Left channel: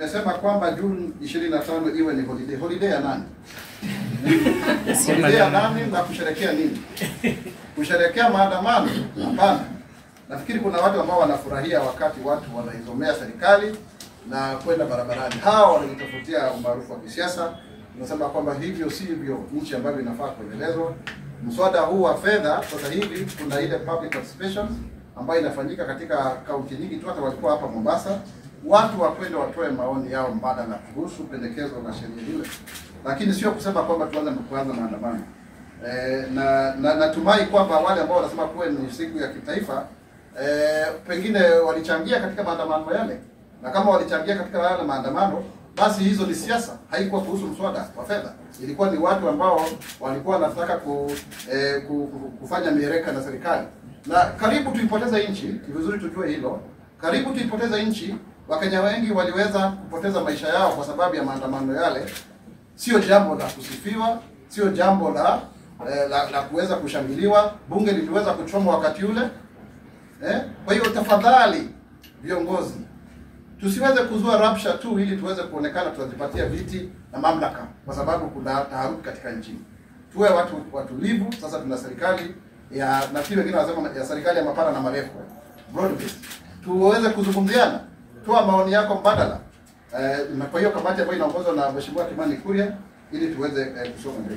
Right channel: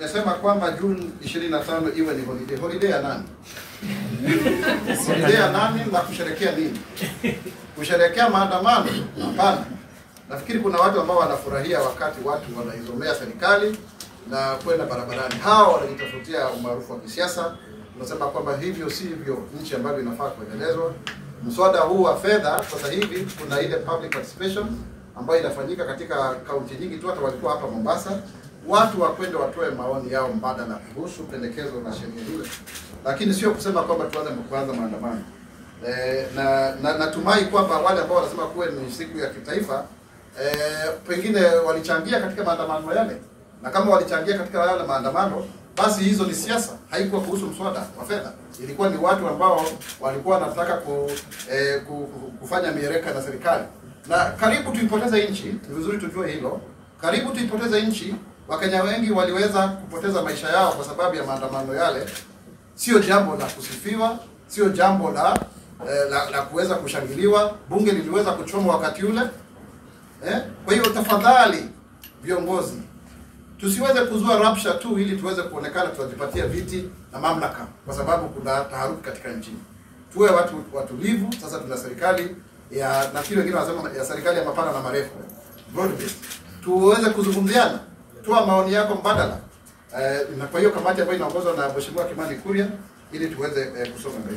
Nimesema kwamba Juni 25 iwe ni holiday. Holiday ya nani? Holiday ya nani na kusherehekea nini? Kusherehekea maandamano? Hapana. Nafikiri kuna watu ambao wanafurahia wakati watu wanaizomea serikali na kwenda barabarani. Hao wanajitafutia umaarufu wa kisiasa. Tunasema kwamba hivyo sivyo nchi ambayo inafaa kuendelezwa. Mswada huu wa fedha sasa hivi kuna ile public participation ambayo inafanyika katika kaunti nyingi tu, hata walikuwa hapa Mombasa. Watu wakwenda watoe maoni yao mbadala kuhusu pendekezo la sheria hilo, lakini sio kusema kwamba tuanze maandamano. Na natumai kwamba wale ambao wanasema kuwa ni siku ya kitaifa pengine walichangia katika maandamano yale, na kama walichangia katika yale maandamano, basi hizo ni siasa. Haikuwa kuhusu mswada wa fedha, ilikuwa ni watu ambao walikuwa wanataka kufanya miereka na serikali, na karibu tuipoteze nchi. Ni vizuri tujue hilo, karibu tuipoteze nchi. Wakenya wengi waliweza kupoteza maisha yao kwa sababu ya maandamano yale. Sio jambo la kusifiwa, sio jambo la kuweza kushangiliwa. Bunge liliweza kuchomwa wakati ule. Kwa hiyo tafadhali viongozi, tusiweze kuzua rapsha tu ili tuweze kuonekana tunajipatia viti na mamlaka, kwa sababu kuna taharuki katika nchi. Tuwe watulivu. Sasa tuna serikali ya, nafikiri wengine wanasema ya serikali ya mapana na marefu, broad based. Tuweze kuzungumziana, toa maoni yako mbadala. Na kwa hiyo kamati ambayo inaongozwa na Mheshimiwa Kimani Kuria ili tuweze kusonga mbele.